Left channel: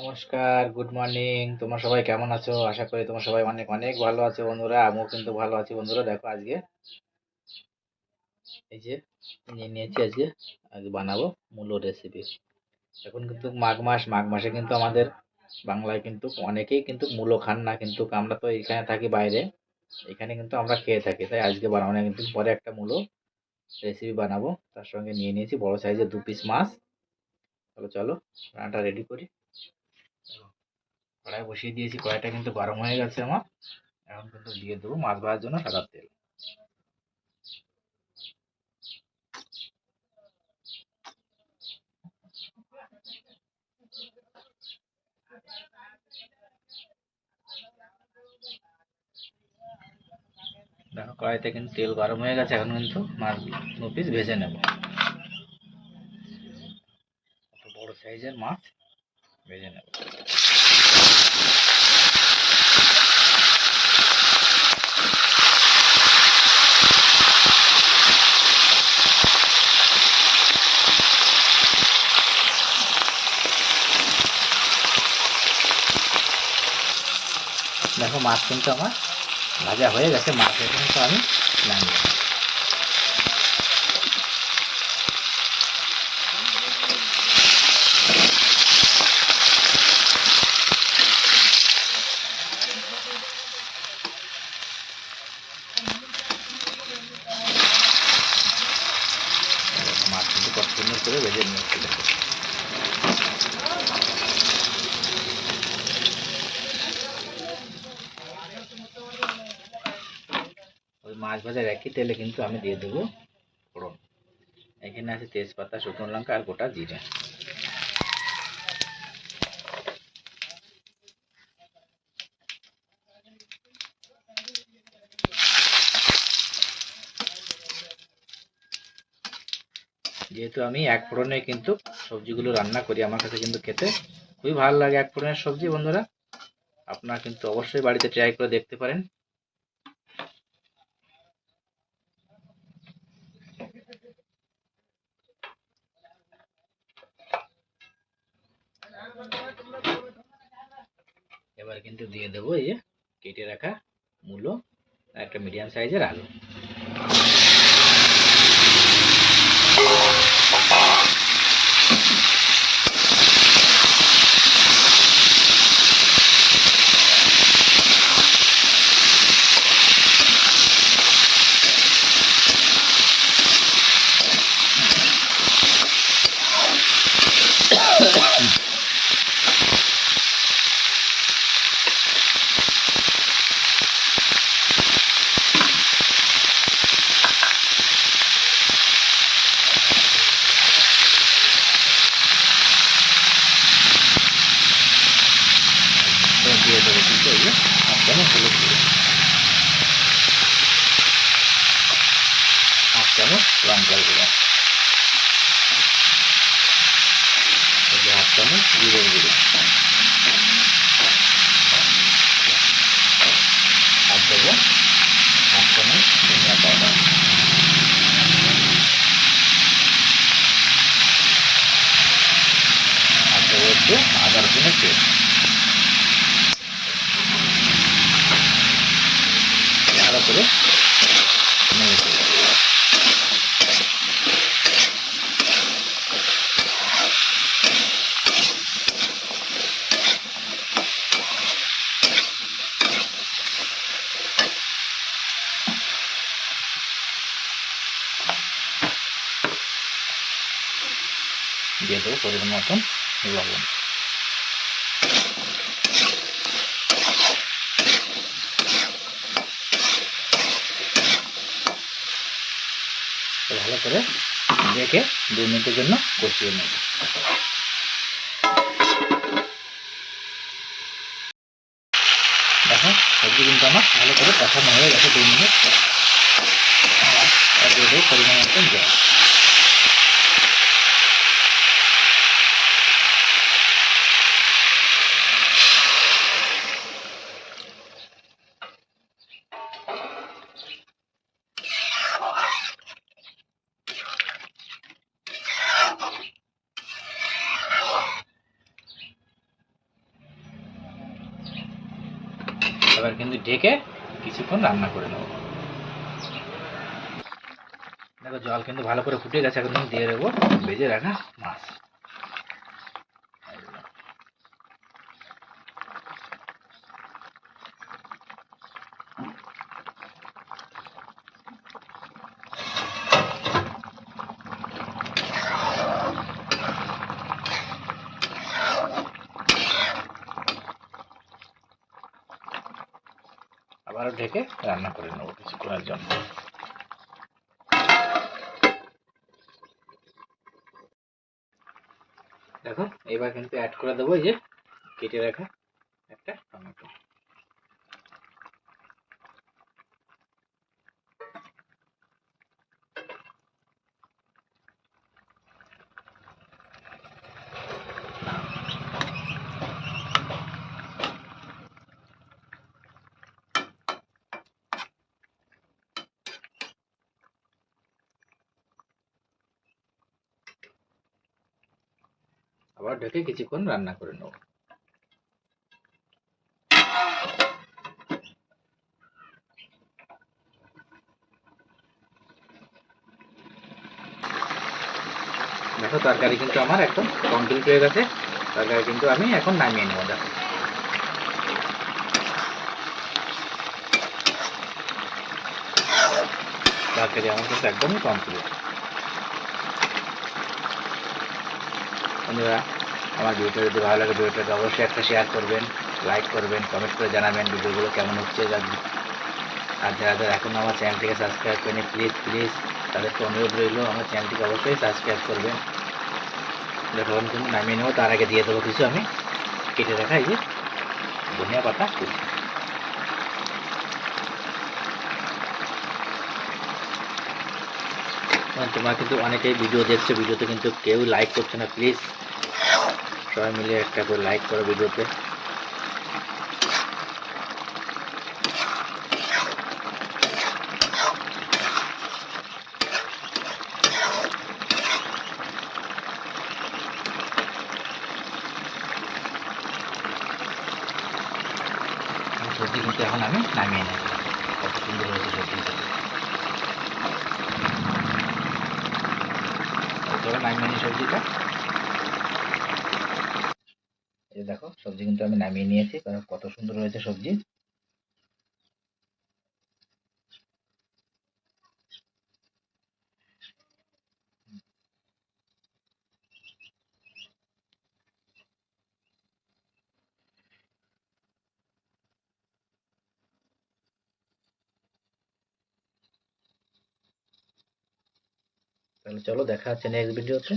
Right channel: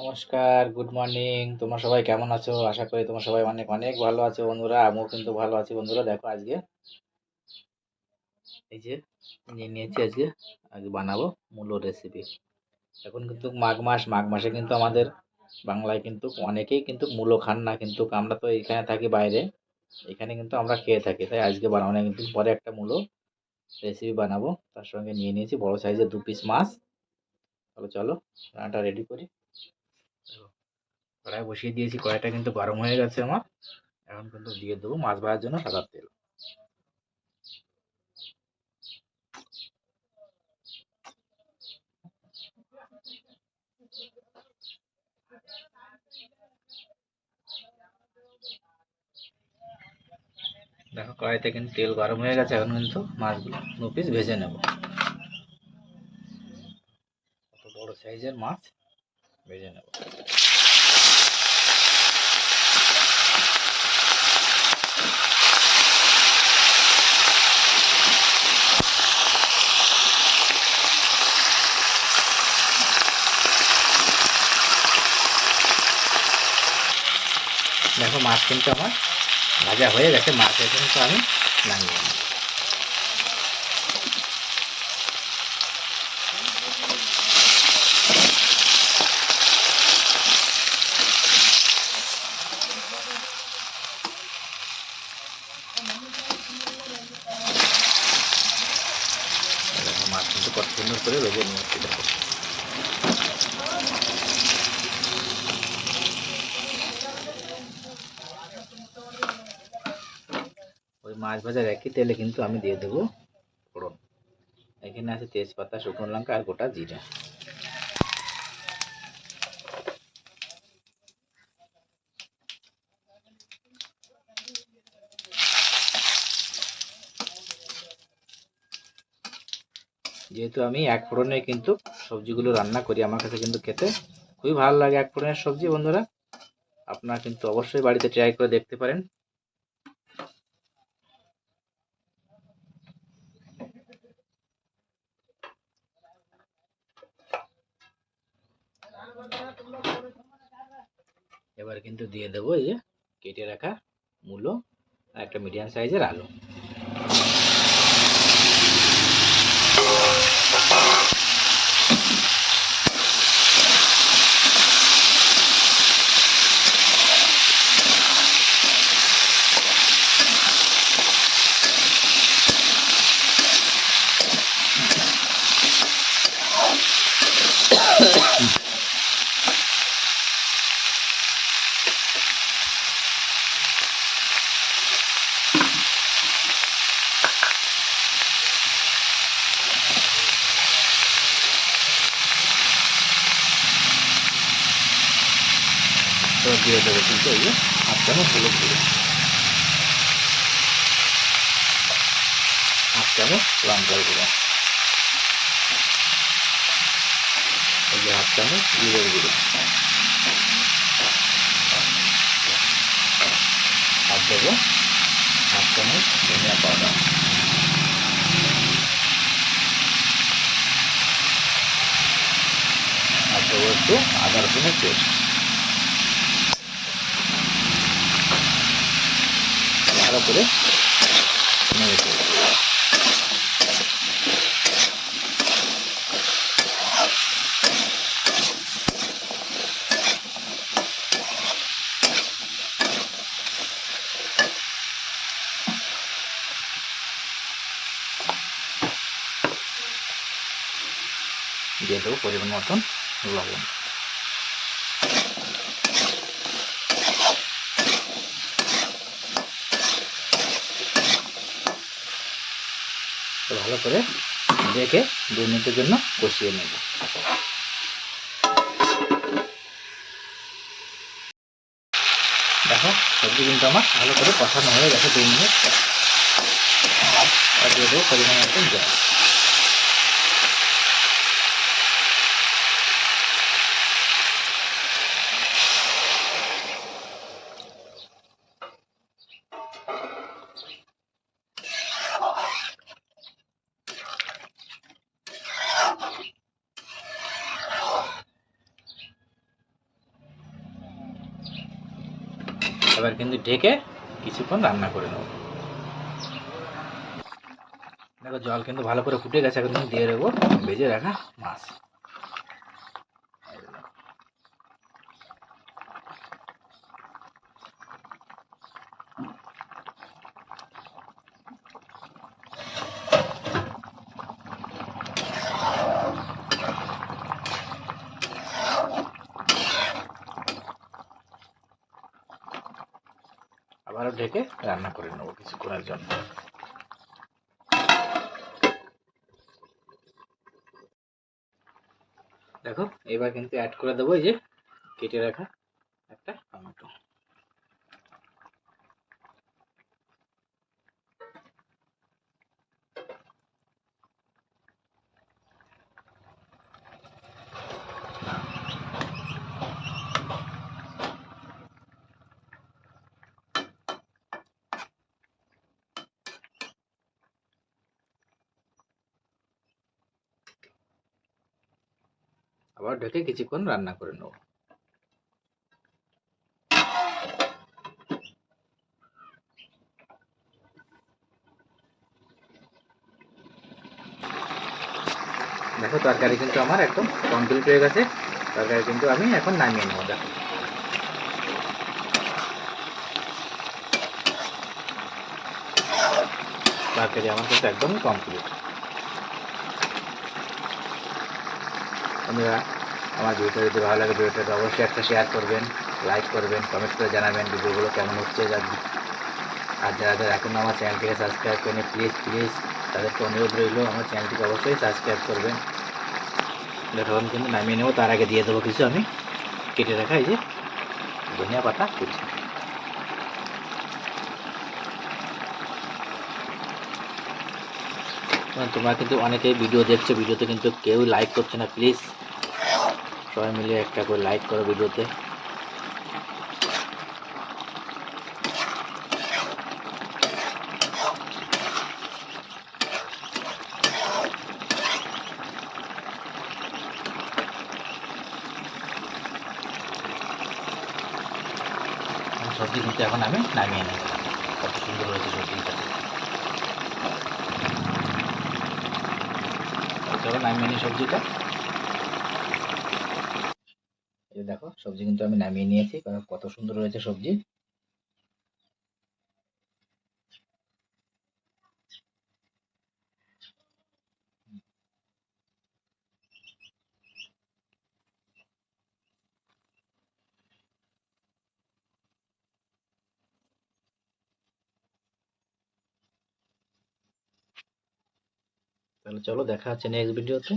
নমস্কার, good morning. তোমরা সবাই কেমন আছো? আশা করি তোমরা সবাই অনেক অনেক ভালো আছো বন্ধুরা। আমিও কিন্তু ভালো আছি বন্ধুরা। দেখো আজকে এই যে নিয়ে নিয়েছি আজকে বানাবো মূলো রেসিপি। এখন কিন্তু মাঘ মাস, মাঘ মাসে কিন্তু আমাদের বাংলায় কিন্তু অনেকেই কিন্তু মূলো খান না, কিন্তু আমরা তো এখানে থাকি বাইরে, এখানে কিন্তু আমরা খেয়ে থাকি। তাই আজকে বানাবো না, কিন্তু পরে একটা মূলো রেসিপি বানাবো। তার সঙ্গে নিয়ে নিয়েছি বড় সাইজের 2 পিস মাছ। তাহলে চলো রান্নাটা রেডি করি। কড়াই বসিয়ে দিয়েছি, কড়াইটা কিন্তু গরম হয়ে গেছে আমার। এখন কিন্তু দিয়ে দেবো মাছ ভাজার জন্য সাদা তেল। দেখো কড়াইতে কিন্তু তেল গরম হয়ে গেছে, এখন কিন্তু মাছগুলো 2 পিস ভেজে নেব। কত বড় সাইজের মাছ ভেজে নেব। দেখো মাছ কিন্তু আমার ভাজা হয়ে গেছে, মাছ কিন্তু আমি নামিয়ে নেব। দেখো মাছ কিন্তু কত সুন্দর করে ভেজে নিয়েছি। দেখো ওই মাছ ভাজার একই তেলে কিন্তু আমি দিয়ে দেবো ফোড়ন। এখানে আছে তেজপাতা, শুকনো লঙ্কা আর গোটা জিরে। যেহেতু আমি এক ফোড়নে কিন্তু সবজিগুলো রান্না করি, আমার কাছে কিন্তু খেতে খুবই ভালো লাগে এক ফোড়নের সবজি বন্ধুরা। আপনারা কিন্তু অবশ্যই বাড়িতে ট্রাই করে দেখতে পারেন। এবার কিন্তু দিয়ে দেবো এই যে কেটে রাখা মূলো আর একটা মিডিয়াম সাইজের আলু। তো দিয়ে দেবো কিন্তু এই যে হাফ চামচ হলুদ গুঁড়ো, হাফ চামচ লঙ্কার গুঁড়ো, এই যে হাফ চামচ জিরের গুঁড়ো, আর দেবো হাফ চামচ ধনিয়া পাউডার, আর দেবো একটু আদা রসুনের পেস্ট। ভালো করে নেড়ে দেবো। দিয়ে দেবো পরিমাণ মতন লবণ। ভালো করে দেখে 2 মিনিটের জন্য কষিয়ে নেব। দেখো সবজি কিন্তু আমার ভালো করে কষানো হয়ে গেছে 2 মিনিট। আর দিয়ে দেবো পরিমাণ মতন জল। এবার কিন্তু ঢেকে কিছুক্ষণ রান্না করে নেব। দেখো জল কিন্তু ভালো করে ফুটে গেছে, এখন কিন্তু দিয়ে দেবো ভেজে রাখা মাছ। আবারও ঢেকে রান্না করে নেবো কিছুক্ষণের জন্য। দেখো এবার কিন্তু অ্যাড করে দেবো এই যে কেটে রাখা একটা টমেটো। আবার ঢেকে কিছুক্ষণ রান্না করে নেব। দেখো তরকারি কিন্তু আমার একদম কমপ্লিট হয়ে গেছে। তরকারি কিন্তু আমি এখন নামিয়ে নেবো। দেখো তরকারি আমার কিন্তু একদমই কমপ্লিট। বন্ধুরা আমার ভিডিওটা যদি ভালো লাগে ভিডিওটাকে অবশ্যই একটা শেয়ার করবেন, লাইক করবেন, কমেন্ট করে জানাবেন ভিডিওগুলো কেমন হচ্ছে। আর যারা যারা এখনও আমার চ্যানেলটিকে সাবস্ক্রাইব করেনি প্লিজ তাদেরকে অনুরোধ রইল আমার চ্যানেলটিকে অবশ্যই সাবস্ক্রাইব করবেন। যখন কিন্তু নামিয়ে নেবো তার আগে দিয়ে দেবো কিছু আমি কেটে রাখা এই যে ধনিয়া পাতা কুচি। তোমরা কিন্তু অনেকেই ভিডিও দেখছো, ভিডিওতে কিন্তু কেউ লাইক করছে না। প্লিজ সবাই মিলে একটা করে লাইক করো ভিডিওতে। সবজি কিন্তু এখন আমি নামিয়ে নেব। কত সুন্দর হয়েছে সবজি। চলো নামিয়ে নিই সবজিটা। এই দেখো সবজি কিন্তু আমি নামিয়ে নিয়েছি, কারণ কত সুন্দর হয়েছে সবজি। তাহলে চলো দেখা হচ্ছে নেক্সট ভিডিওতে।